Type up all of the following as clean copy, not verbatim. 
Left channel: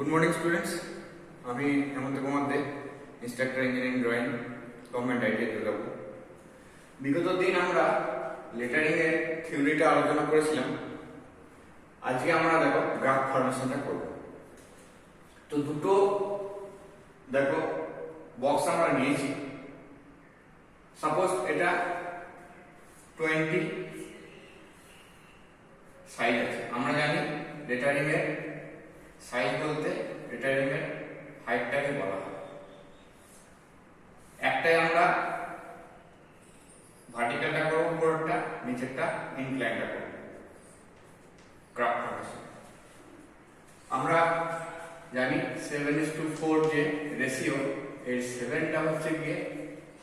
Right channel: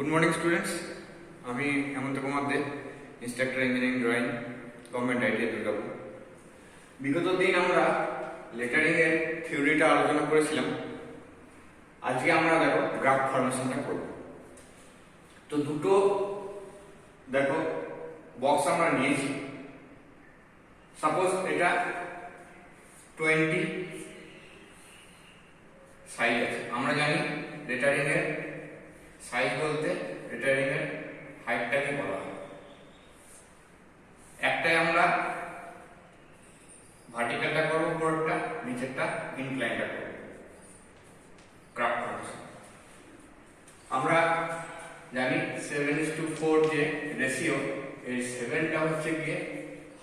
Good morning students, আমি Hemanta Kumar De, instructor engineering drawing, government idea Durgapur. বিগত দিন আমরা লেটারিং এর থিওরিটা আলোচনা করেছিলাম। আজকে আমরা দেখো গ্রাফ ফরমেশনটা করব। তো দুটো দেখো বক্স আমরা নিয়েছি। সাপোজ এটা 20 সাইজ আছে। আমরা জানি লেটারিং এর সাইজ বলতে লেটারিং এর হাইটটাকে বলা হয়। একটাই আমরা ভার্টিক্যালটা করব, উপরটা নিচেরটা ইনক্লাইনটা করব। গ্রাফ ফরমেশন আমরা জানি 7:4 যে রেশিও, এই 7টা হচ্ছে গিয়ে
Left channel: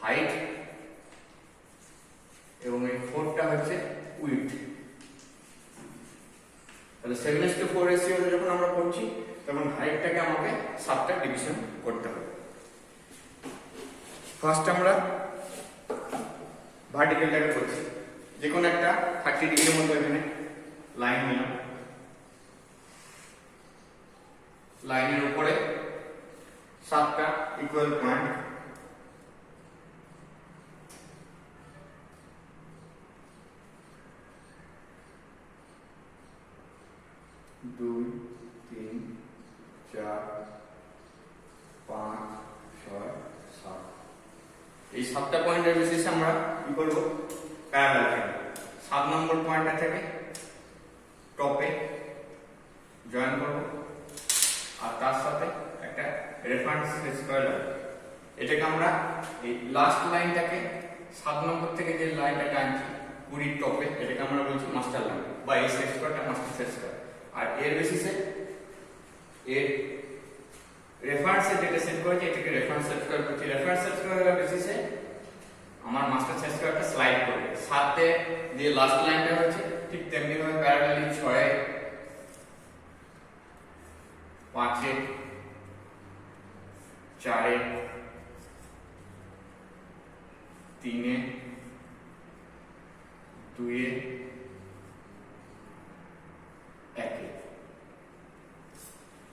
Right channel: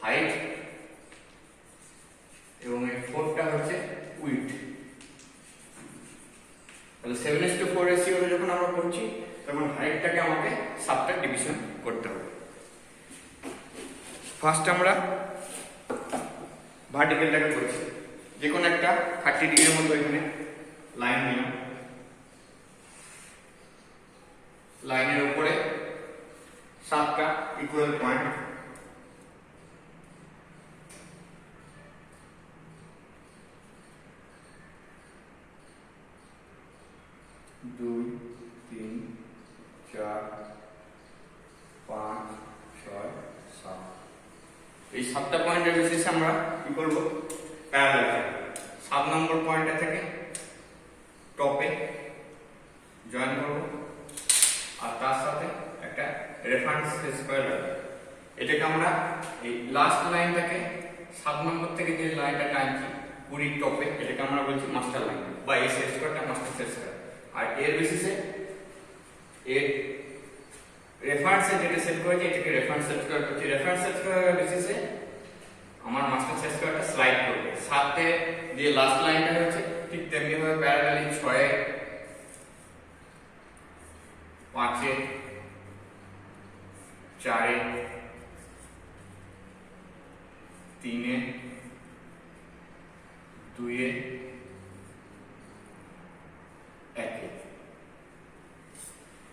হাইট এবং এই 4টা হচ্ছে উইডথ। তাহলে 7:4 রেশিওটা যখন আমরা করছি তখন হাইটটাকে আমাকে 7টা ডিভিশন করতে হবে। ফার্স্ট আমরা ভার্টিক্যালটাকে করছি। যে কোনো একটা 30 ডিগ্রির মতো এখানে লাইন নিলাম। লাইনের উপরে 7টা ইকুয়াল পয়েন্ট, দুই, 3, 4, 5, 6, 7। এই 7টা পয়েন্টের বেসিসে আমরা কি করব? প্যারালাল কাটব। 7 নম্বর পয়েন্টটা থেকে টপে জয়েন করব, আর তার সাথে একটা রেফারেন্স স্কয়ার রাখব। এটাকে আমরা এই লাস্ট লাইনটাকে 7 নম্বর থেকে যে লাইনটা টানছি পুরি টপে, এটাকে আমরা বলছি মাস্টার লাইন, বা এই সেট স্কয়ারটা মাস্টার সেট স্কয়ার। আর এর বেসিসে এর রেফারেন্সে যেটা সেট করেছে এটাকে রেফারেন্স সেট স্কয়ার করছি। রেফারেন্স সেট স্কয়ারের বেসিসে আমার মাস্টার সেট স্কয়ারটা স্লাইড করবে। 7 যে লাস্ট লাইনটা হচ্ছে ঠিক তেমনি ভাবে প্যারালালি 6, 5, 4, 3, 2, 1।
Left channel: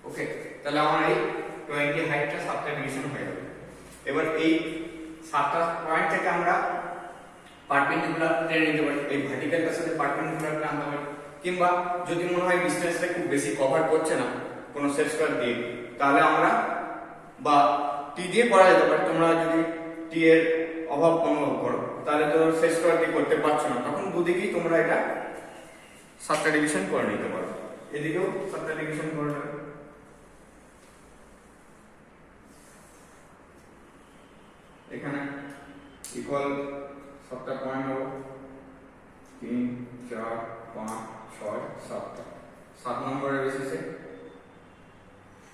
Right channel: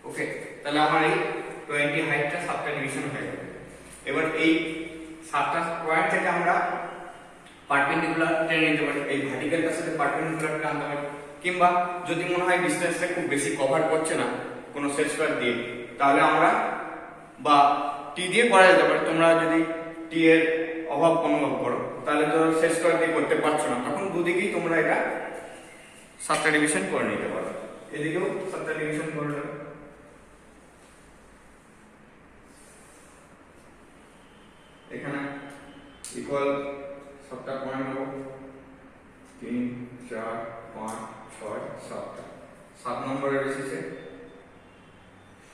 ওকে, তাহলে আমার এই 20 হাইটটা 7টা ডিভিশন হয়ে গেল। এবার এই 7টা পয়েন্ট থেকে আমরা পারপেন্ডিকুলার টেনে নিতে পারি। এই ভার্টিক্যালটার সাথে পারপেন্ডিকুলার টানতে পারি, কিংবা যদি মনে হয় ডিসটেন্সটা খুব বেশি কভার করছে না কোনো সেট স্কয়ার দিয়ে, তাহলে আমরা বা টি দিয়ে করা যেতে পারে। তোমরা যদি টি এর অভাব অনুভব করো তাহলে তো সেট স্কয়ার দিয়ে করতে পারছো না, তখন দুদিকেই তোমরা এটা 7টা ডিভিশন করে নিতে পারো। এদিকেও 7টা ডিভিশন করে নেবে। এখানে ইকুয়াল 7টা পয়েন্ট হবে, 3, 4, 5, 6, 7টা। 7 নম্বরের বেসিসে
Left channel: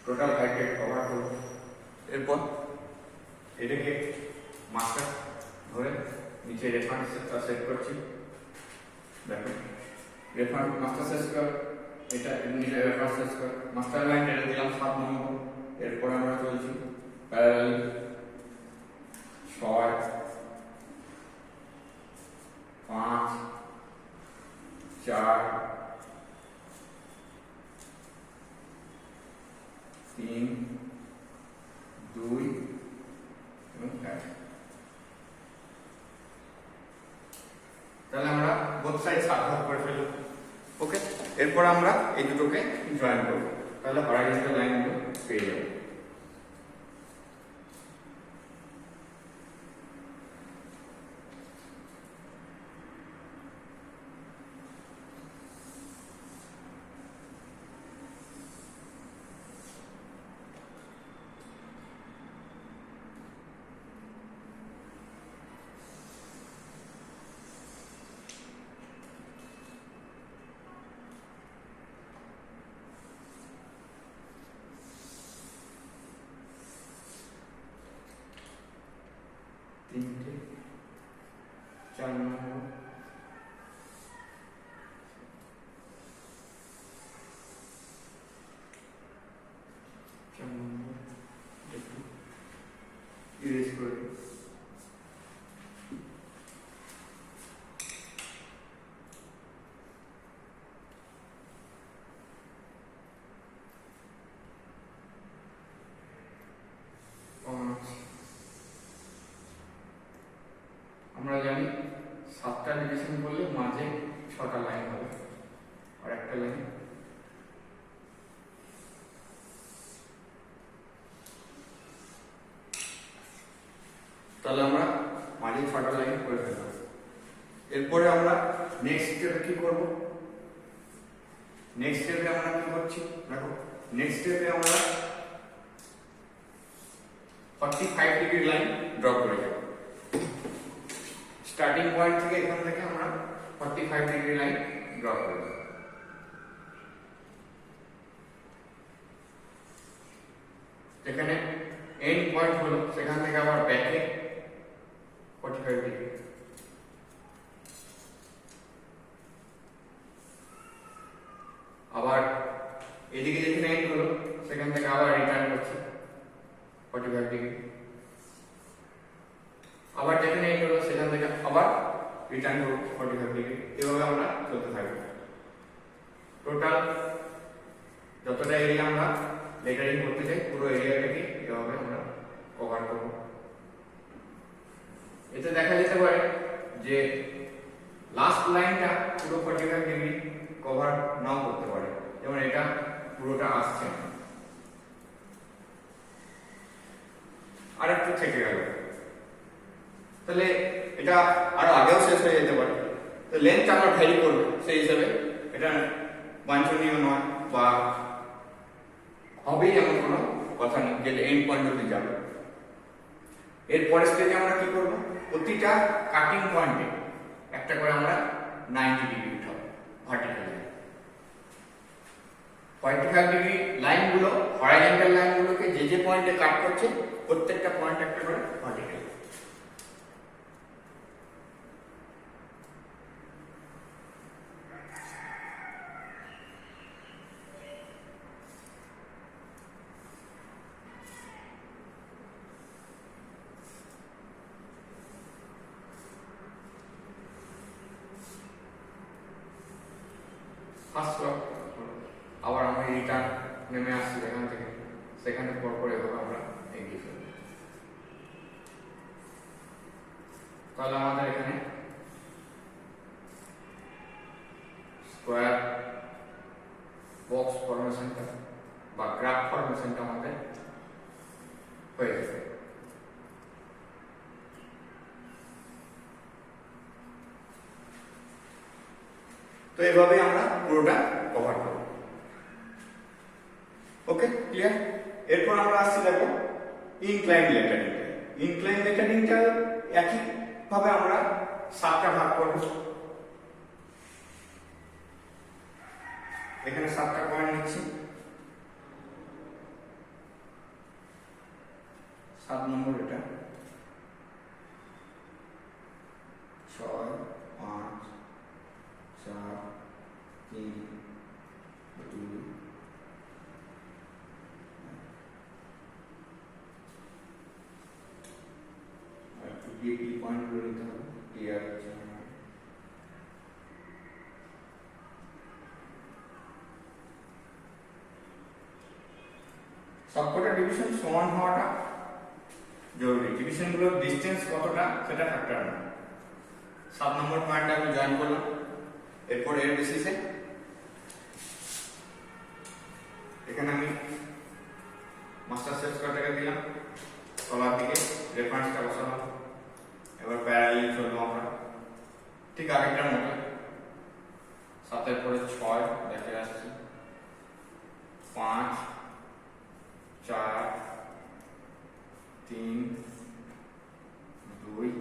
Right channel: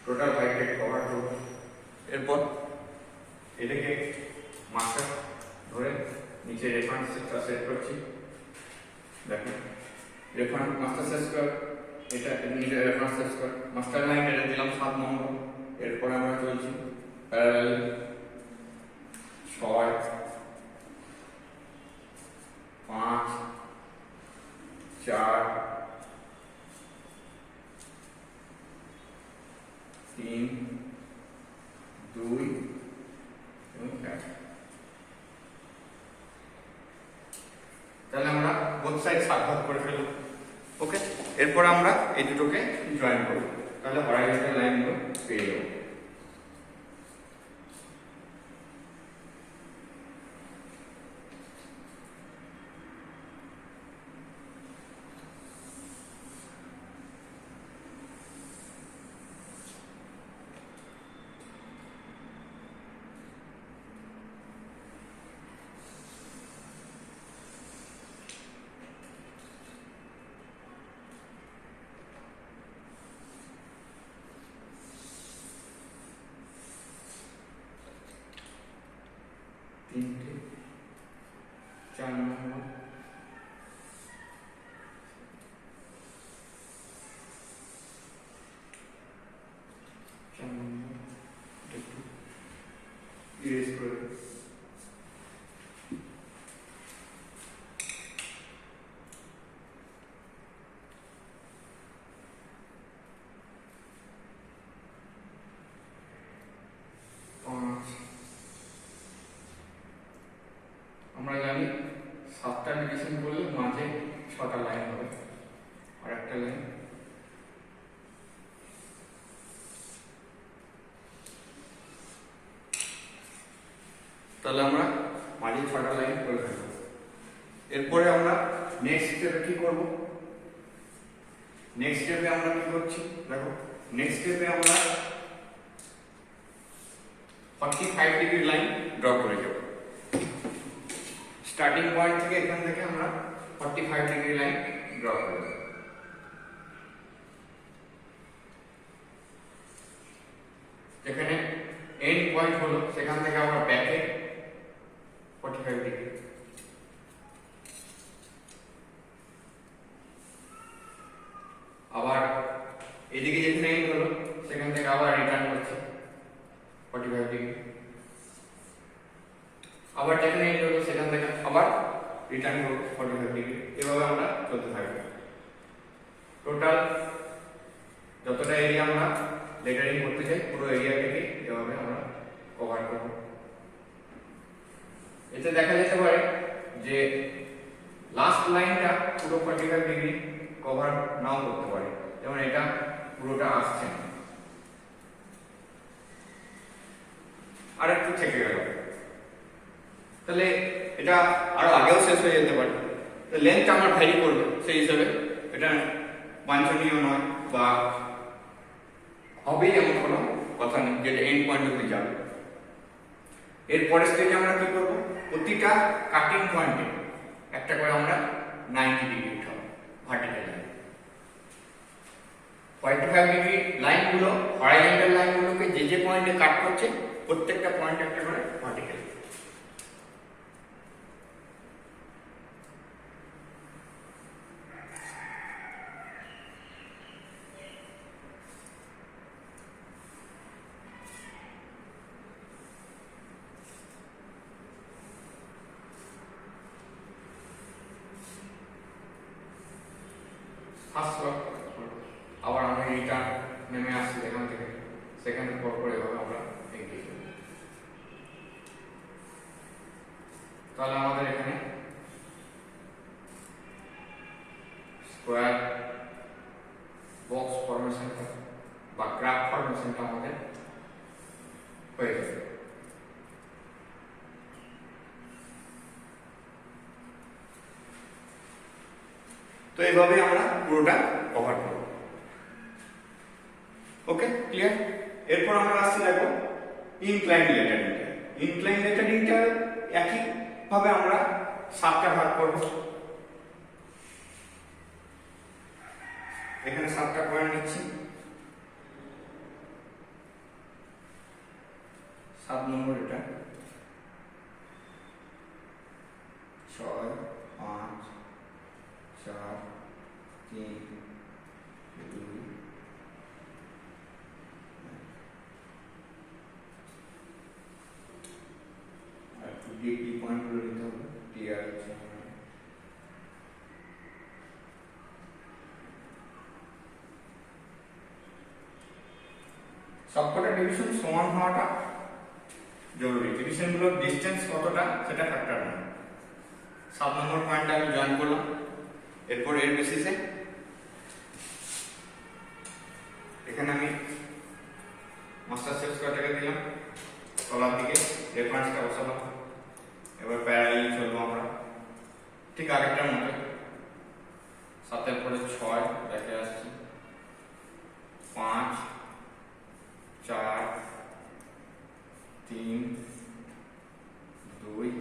টোটাল হাইটটাকে কভার করব। এরপর এটাকে মাস্টার ধরে নিচে রেফারেন্স সেটটা সেট করছি। দেখো রেফারেন্স মাস্টার সেট স্কয়ার, এটা নিচে reference set square, master line এটা দিলাম 7 নম্বর। এরপর আমরা চলছি প্যারালাল 6, 5, 4, 3, 2 এবং 1। তাহলে আমরা বোথ সাইড 7 ভাগ করে ফেলব। ওকে, এরপর আমরা এই দুটোকে জয়েন করব, তাহলে হরাইজন্টাল লাইনগুলো পেয়ে যাব। জানি 7টা ডিভিশন করলে মাঝে 6টা লাইন হবে, আর একটা লাইন তাহলে আমরা মাঝে 6টা লাইন করে ফেলবো। এরপরে আমরা নেক্সট স্টেপে কি করব? নেক্সট স্টেপে আমরা কি করছি দেখো, নেক্সট স্টেপে আমরা 45 ডিগ্রি লাইন ড্র করে দেব। স্টার্টিং পয়েন্ট থেকে এখান থেকে আমরা 45 ডিগ্রি লাইন ড্র করে দেব। এখানে এন্ড পয়েন্ট হলো, সেখান থেকে আমরা ব্যাকে 45 ডিগ্রি, আবার এদিকে যেখানে এন্ড হলো সেখান থেকে আবার রিটার্ন করছি 45 ডিগ্রি, আবার যেখানে এন্ড হলো সেখান থেকে আবার রিটার্ন করব 45 ডিগ্রি। এভাবে আমরা চলতে থাকবো। টোটাল যতটা এরিয়া আমরা লেটারিং করতে চাই পুরো এরিয়াটাকে এভাবে আমরা কভার করব। এতে দেখা যেতে পারে যে লাস্ট লাইনটা পুরো 45 ডিগ্রি কভার নাও করতে পারে, যেমন এটা পুরোটা আসছে না, আর একটু থেকে গেল, তাহলে এটা আরো আগেও শেষ হয়ে যেতে পারে। তো লেন্থ আমরা ভ্যারি করবে, সেই হিসাবে এটা বাঞ্ছনীয় নয় বা হবেই এমন কোনো কথা নেই যে এন্ড পয়েন্ট অব্দি যাবে। এরপরের স্টেজে আমরা কি করব, প্রতিটা কাটিং পয়েন্টে একটা করে আমরা 90 ডিগ্রি উঠাবো ভার্টিক্যালি। 45 ডিগ্রি লাইনগুলো হরাইজন্টাল লাইনগুলোকে যে যে পয়েন্টে কাট করছে প্রত্যেকটা পয়েন্ট একটা করে ভার্টিক্যালি। আবার আমরা রিটার্ন নেমে আসছি এখান থেকে, সেখানে পর এভাবে আমরা এগিয়ে চলি। তাহলে আমাদের এখানে স্কোয়ার বক্স ফরমেশনটা বা গ্রাফ ফরমেশনটা আমাদের হয়ে যাবে। তো এইভাবে আমরা পুরোটা কভার করব। ওকে, ক্লিয়ার? এরপর আমরা আসছি দেখো ইনক্লাইন লেটারিংটা। ইনক্লাইন লেটারিংটা একই ভাবে আমরা 7টা ভাগ করব। এখানে 7টা পয়েন্ট নিচ্ছি, 7 নম্বর এটা 6 5 4 3 2 কি পয়েন্ট গুলো নিতে হবে, টিআর আছে। সবকটা ডিভিশন সমান হওয়াটা জরুরি, ডিভিশনগুলোর ডিসটেন্স কতটা সেটা ফ্যাক্টর না। 7 নম্বর পয়েন্টে আমি জয়েন করলাম, এরপর এর বেসিসে এখানে আমি মাস্টার সেট স্কোয়ারটাকে দিলাম, তলার দিকে রেফারেন্সটা বসালাম। এবার প্যারালালি চলবো আমরা ঠিক আগেরটার মতো। 7 পরে 6 দেখে আসছি, 5 4 3 2 1।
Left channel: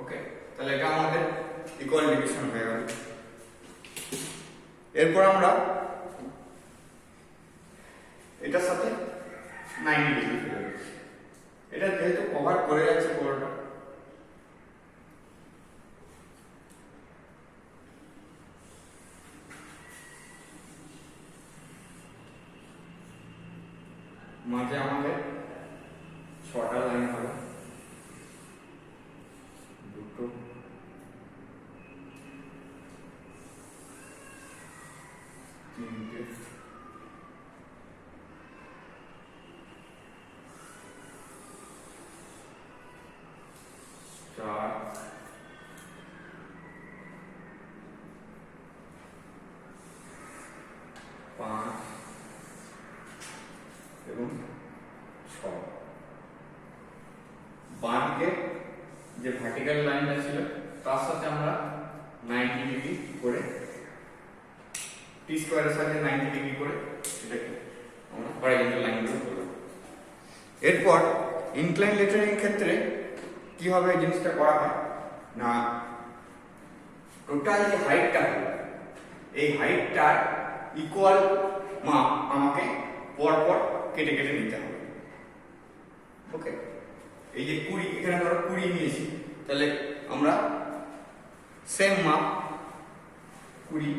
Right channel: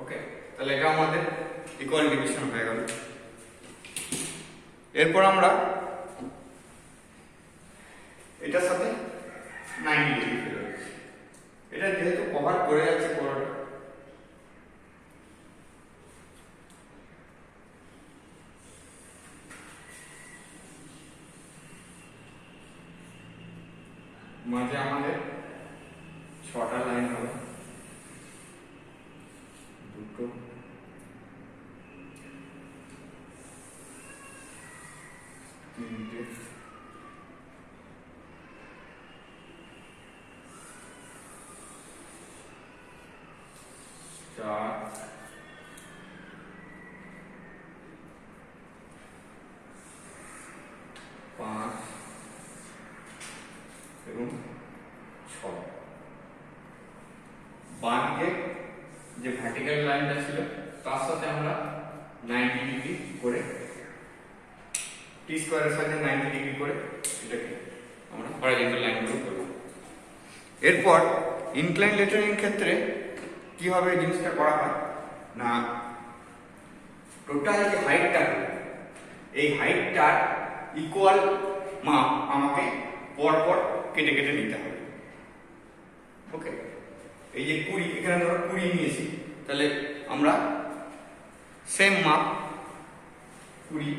ওকে, তাহলে এটা আমাদের ইকুয়াল ডিভিশন হয়ে গেল। এরপর আমরা এটার সাথে 90 ডিগ্রি ফেলে দিচ্ছি। এটা যেহেতু কভার করে যাচ্ছে পুরোটা, মাঝে আমাদের 6টা লাইন হলো, 2 3 4 বাঁদিকে যে ভার্টিক্যাল লাইনটা ছিল তার সাথে আমরা 90 ডিগ্রি করে টি স্কয়ারের সাথে 90 ডিগ্রি করে এটাকে আমরা হরাইজন্টাল লাইনগুলো করব। এরপর ইনক্লাইন লেটারিং ক্ষেত্রে কিভাবে জিনিসটা করা হয় না, টোটাল যে হাইটটা হলো এই হাইটটার ইকুয়াল মাপ আমাকে পরপর কেটে কেটে নিতে হবে। ওকে, এই যে 20 এখানে ধরো 20 নিয়েছি, তাহলে আমরা সেম মাপ 20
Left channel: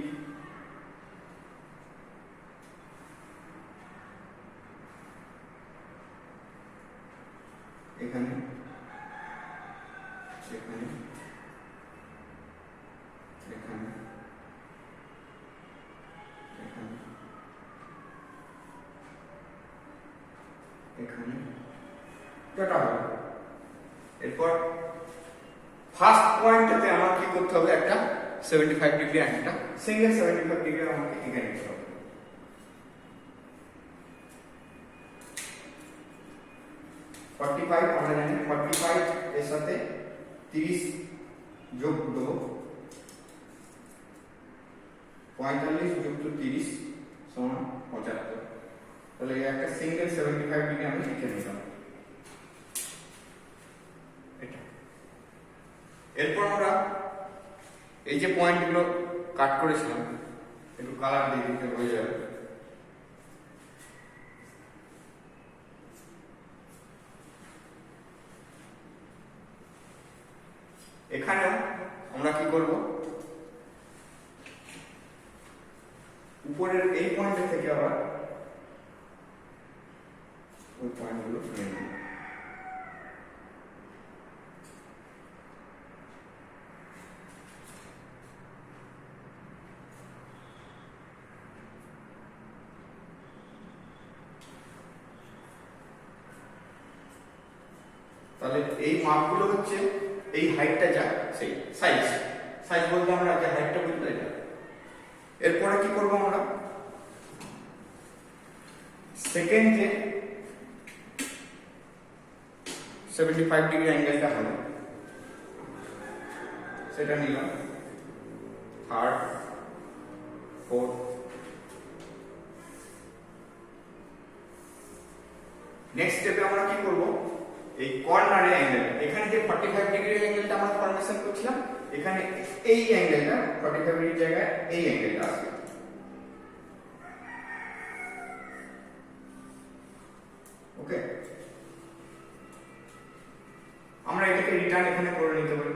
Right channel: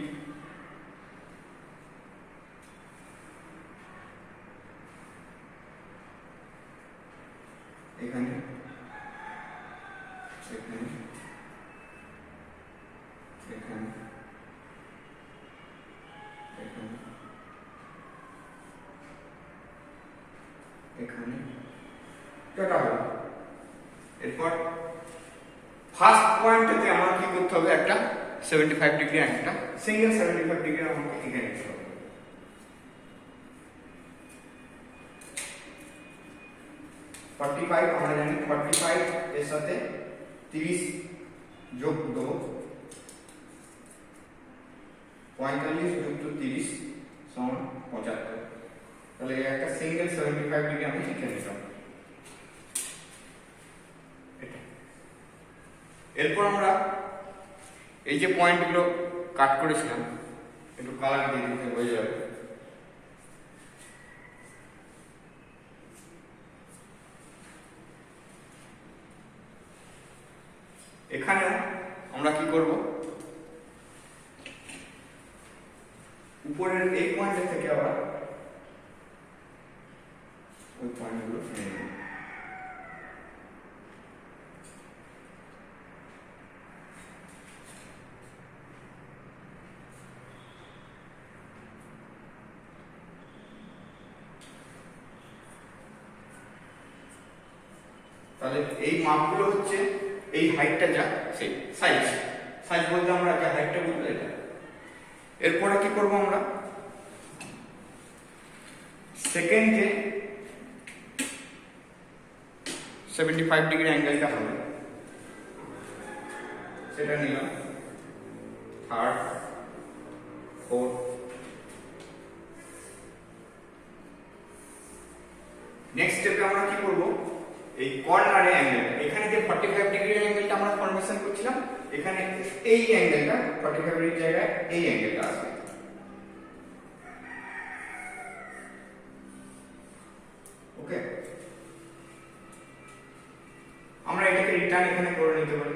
এখানে এখানে এখানে এখানে এখানে কাটা হবে। এরপর ফার্স্ট পয়েন্টটাতে আমার কি করতে হবে, একটা 75 ডিগ্রি একটা সিঙ্গেল 75 ডিগ্রি আমাকে এখানে নিতে হবে। আমরা জানি 45 এর সাথে 30 যোগ দেবো, 45 যোগ 30 সমান 75। তাহলে একটা সিঙ্গেল 75 ডিগ্রি আমি লিখে নিলাম। এরপর আমরা এই যে পয়েন্টগুলো কাট করেছিলাম একটু কালার দিয়ে দিতে হয়ে যাবে। এখানেও আমরা কি করব, উপরের এই পয়েন্ট থেকে আবার ওই পয়েন্টগুলো নিয়ে নেব। তাহলে এই মাপগুলো হচ্ছে এই হাইটটা যা সেই সাইজ সাইজ বলতে আমরা যে হাইটটা বুঝতে এটা। এরপরে কি করব, আমরা সেকেন্ড যে 75 ডিগ্রি অ্যাঙ্গেলটা হবে সেটা নিলাম, থার্ড, ফোর্থ, নেক্সট স্টেপে আমরা কি করব, এই কর্নারে অ্যাঙ্গেল এখানে যে 45 ডিগ্রি অ্যাঙ্গেলটা আমরা ফরমেশন করছিলাম এখানে এই অ্যাঙ্গেলটা 45 ডিগ্রি জায়গায় এই অ্যাঙ্গেলটা আসবে। ওকে, আমরা এটাকে রিটার্ন এখানে করে নিতে পারি।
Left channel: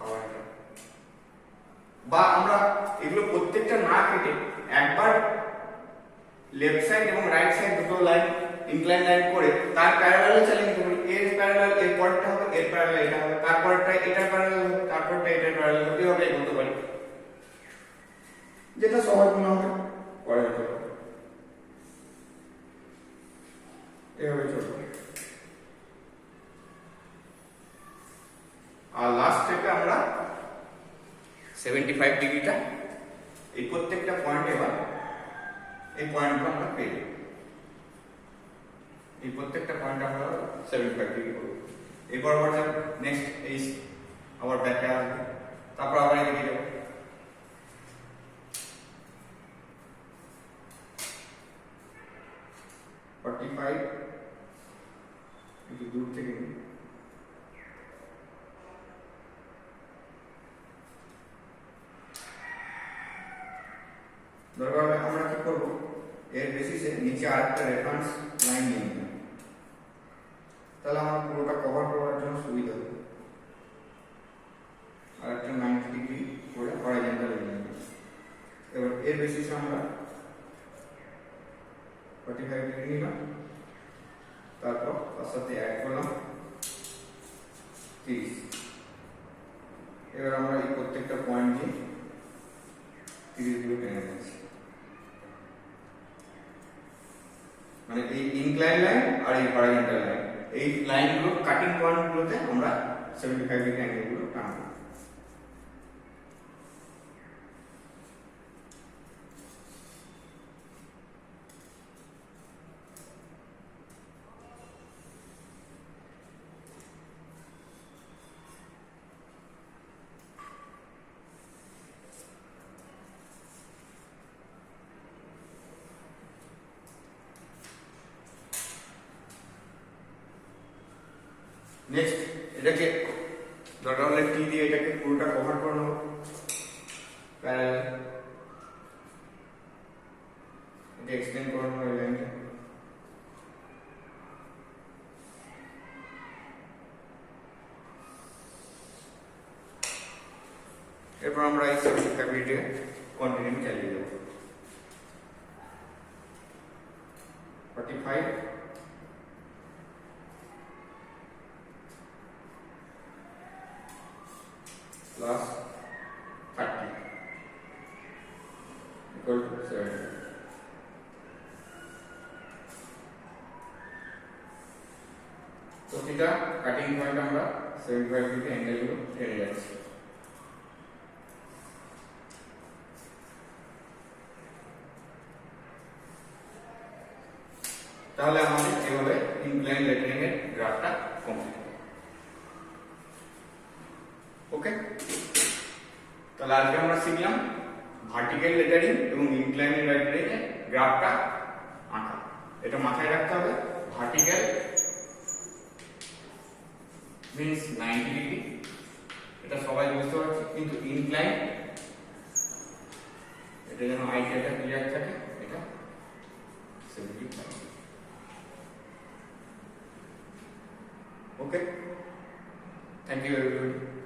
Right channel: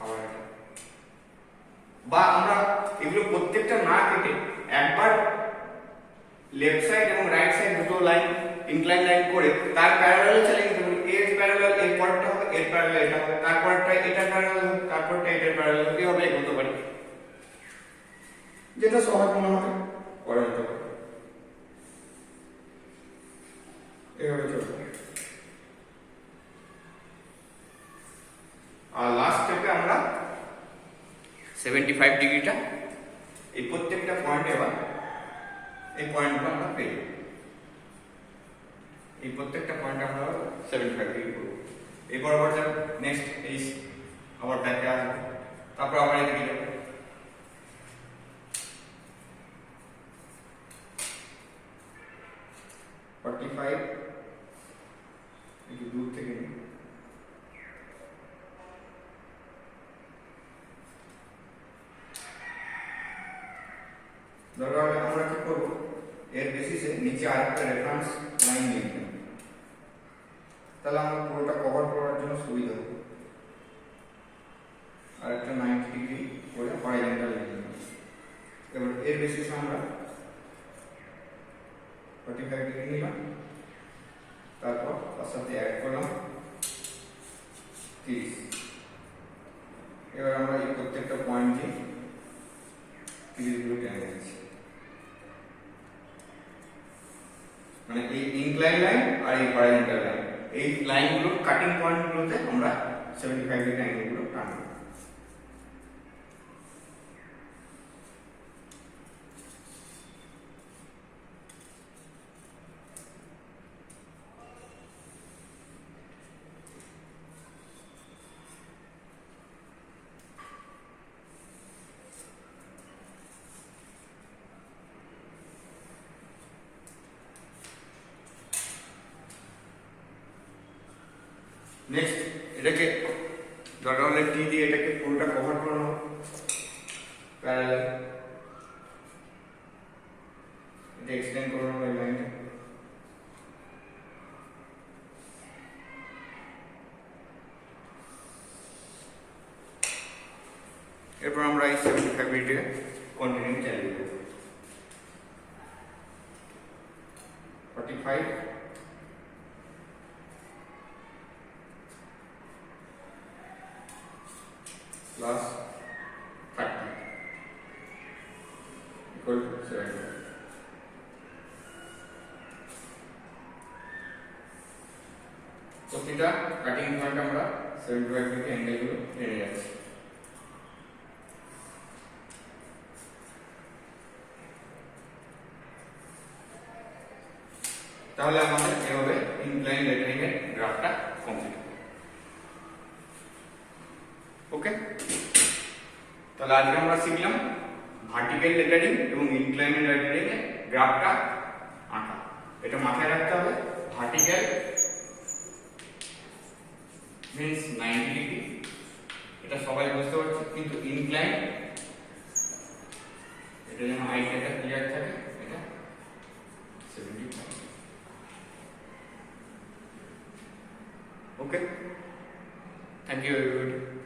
আবার এটা বা আমরা এগুলো প্রত্যেকটা না কেটে একবার লেফট সাইড এবং রাইট সাইড দুটো লাইন ইনক্লাইন লাইন করে তার প্যারালালে চলে নিতে পারি। এর প্যারালাল এর পরেরটা হবে, এর প্যারালাল এটা হবে, তারপরটা এটার প্যারালাল হবে, তারপরটা এটার প্যারালাল হবে, এভাবে এগোতে পারি। যেটা সহজ মনে হয় করা যেতে পারে, এভাবে চলবে। আর লাস্ট স্টেপে আমরা 75 ডিগ্রিটা এই প্রত্যেকটা পয়েন্টে এবার এই পয়েন্টগুলো আমরা পেয়ে যাবো। এই প্রত্যেকটা পয়েন্ট আমরা 75 ডিগ্রি করব। এরপর আবার নেক্সট এই আবার ব্যাকে আসবো, তারপর আবার এদিকে যাবো। একটু দূর থেকে দরকার হলে আমরা কি করব, এর বেসিসে নিচে আরেকটা রেফারেন্স লাইন নিয়ে নেব, তাহলে আমরা পুরোটা কভার করার জন্য সুবিধা হবে। আর একটা 90 ডিগ্রি করে হরাইজন্টাল লাইন নেব। এবার এর বেসিসে আমরা 45 ডিগ্রি নিলাম, তারপর তার সাথে অ্যাড করলাম 30। এবার আমরা এই প্রত্যেকটা পয়েন্ট নিয়ে 30 ডিগ্রি টেনে নিচ্ছি। মানে এই ইনক্লাইন লাইন আর এই হরাইজন্টাল লাইন, এই লাইনগুলো কাটিং পয়েন্টগুলোতে আমরা 75 ডিগ্রি অ্যাঙ্গেলগুলো টানবো। নেক্সট এটাকে দরকার হলে টি দিয়ে এটাকে পুরোটা কভার করে নেবো প্যারালাল, এটা এক্সটেন্ড করে নেবো এই লাইনটা। এরপর আমরা 75 ডিগ্রি কন্টিনিউ চালিয়ে দেবো। 45 plus 30 equal to 70। তো এটা কাটিং পয়েন্ট আমরা 75 ডিগ্রি অ্যাঙ্গেল গুলো টেনে যাচ্ছি। তাহলে আমাদের এভাবে ইনক্লাইন লেটারিং এর গ্রাফটা কমপ্লিট হবে। ওকে, তাহলে আজকে আমরা শিখলাম ভার্টিক্যাল লেটারিং এবং ইনক্লাইন লেটারিং এর গ্রাফটা আঁকা। এটা মাথায় রাখতে হবে, ভার্টিক্যাল মিন্স 90 ডিগ্রি, এটা সবাই বুঝতে পারছে, কিন্তু ইনক্লাইন এটা যেন আইডিয়াটা ক্লিয়ার থাকে, এটা 75। Okay, thank you everybody.